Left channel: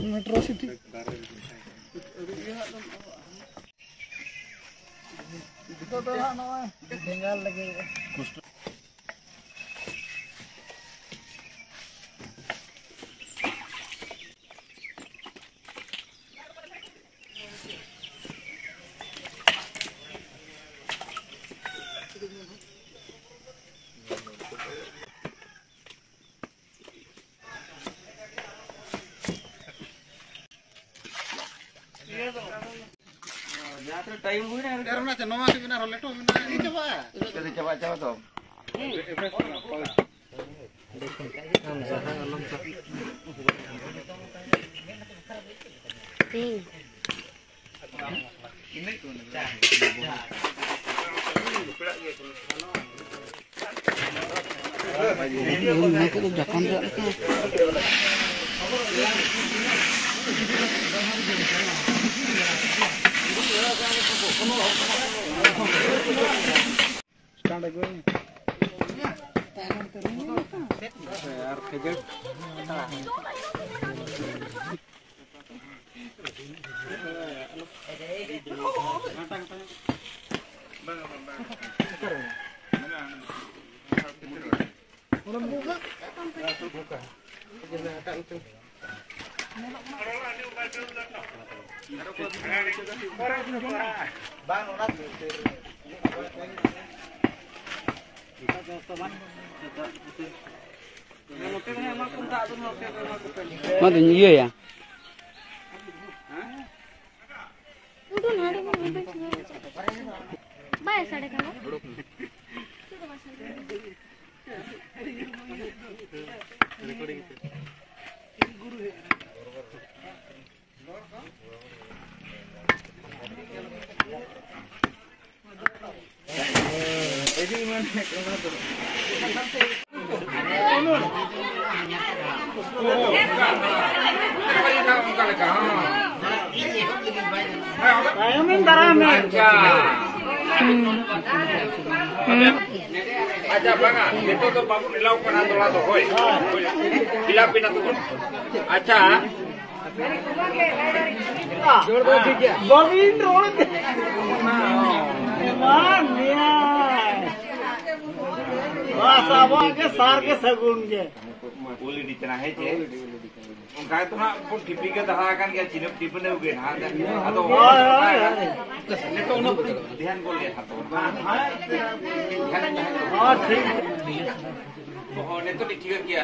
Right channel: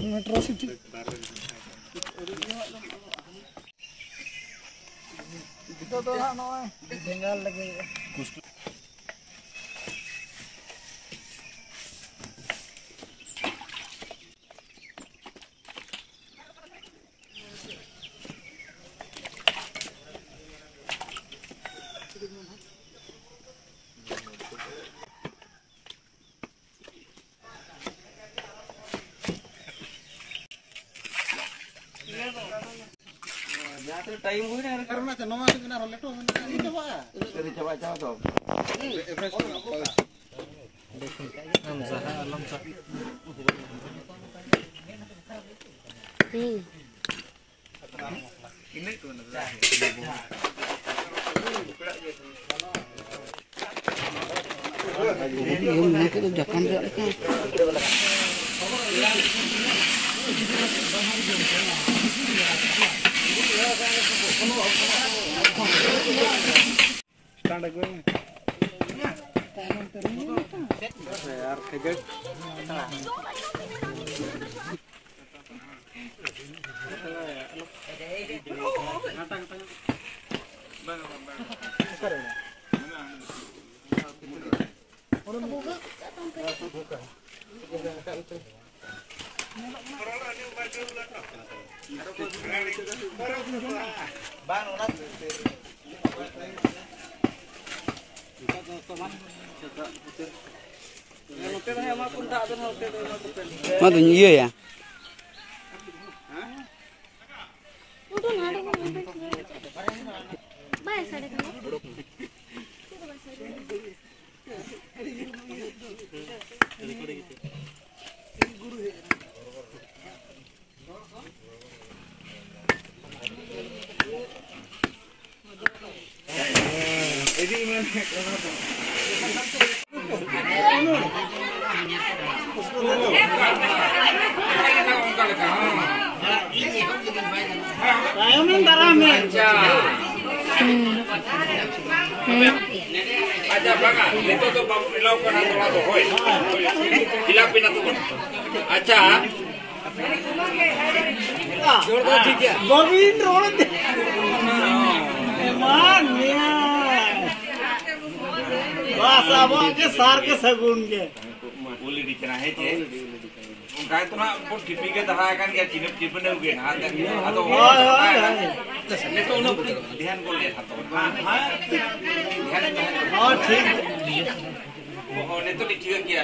Metro City. Itu tuh tinggal lagi. Time हुई ना करना चाहिए नवा से बिना रोले तो बिना ये चबा चले चबा चबा तो average Mana iya ya? Aja banga, itu tuh babu dilakukan atau hoi, hilapin atau kon. Aja. Bobin road. Man ya. Bahasa apa ke sar ke sagun ke. Uli di tengah itu. Udah itu nak pun dipikir terangkan dia cinep cipen juga ada atau itu udah dihan boleh atau dihan Oh ठीक. Oh itu dikira kia.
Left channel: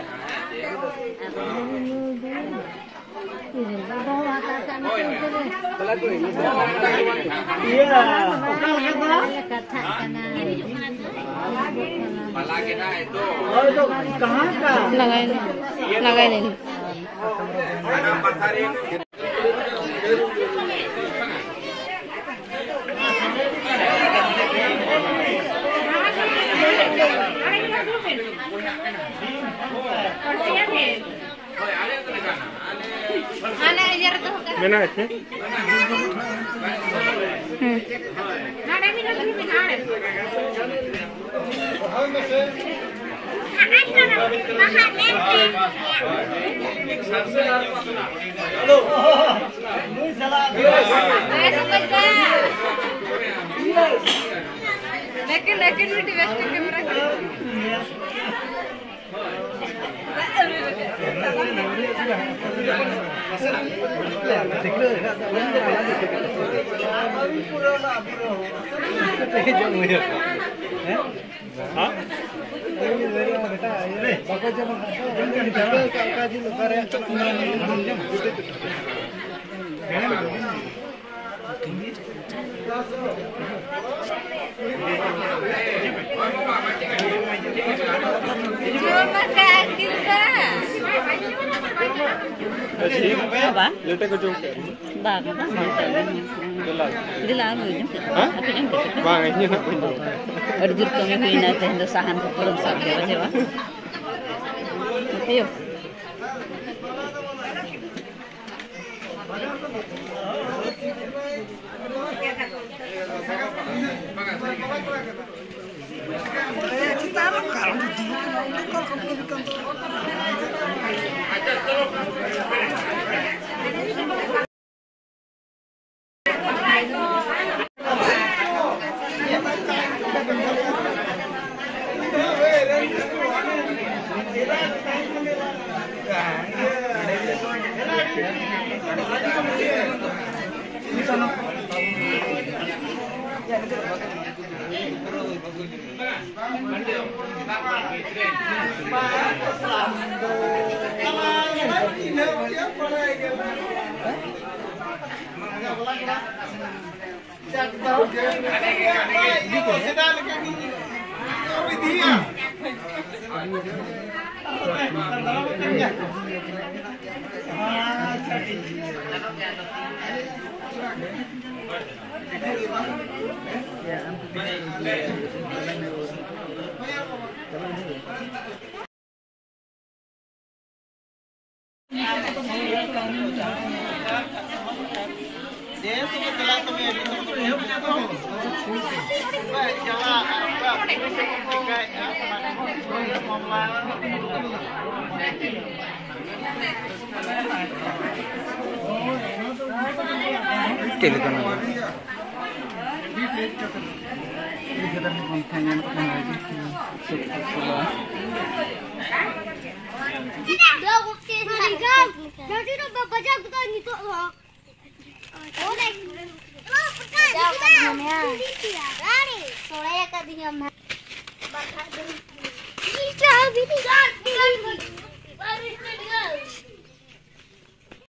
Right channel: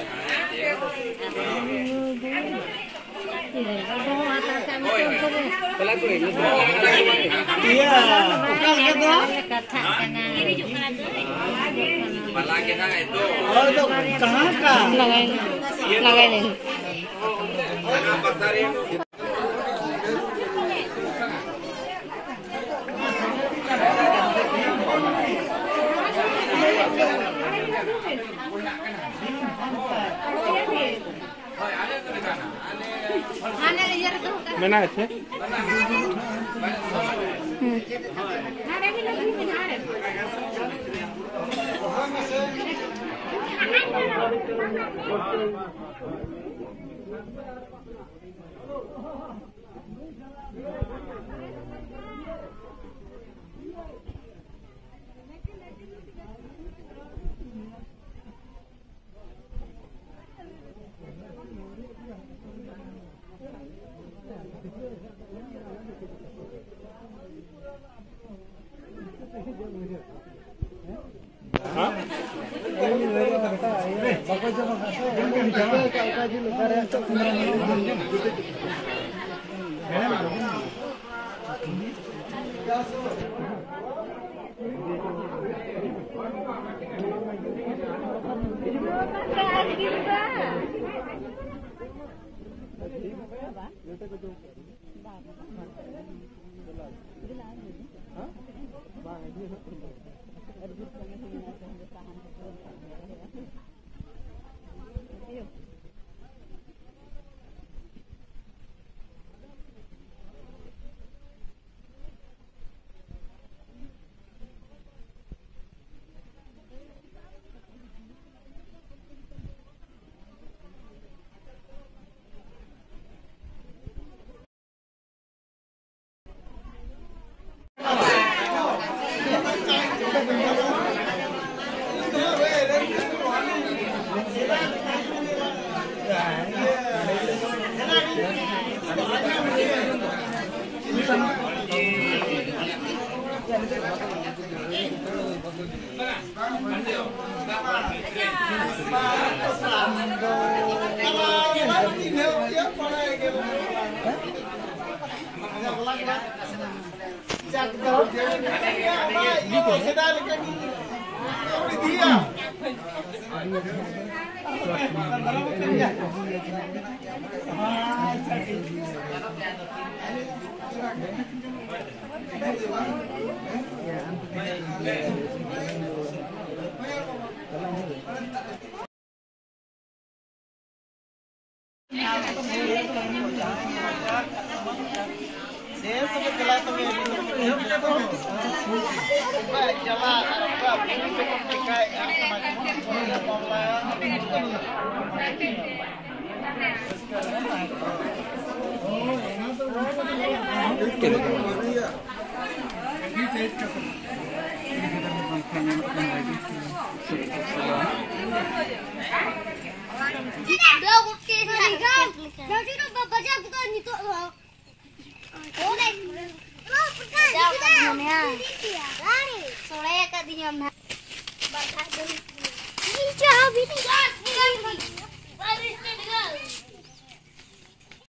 Oh iya. Iya. Bukan kata. Malaki na itu. Oh itu कहाँ का? Lagay nih. Mana itu? लेकिन बेटी वेस्ट कैमरा Terima kasih. Apa? Bang, jadi lalu jam. Bang, ini ada jurus kami punya tenda sahan keperluan sahaja, Jawa. Ayo. Jadi bapak jago kan itu loh. Oke. Jago kan namanya. Soalnya kan dia mah. Ini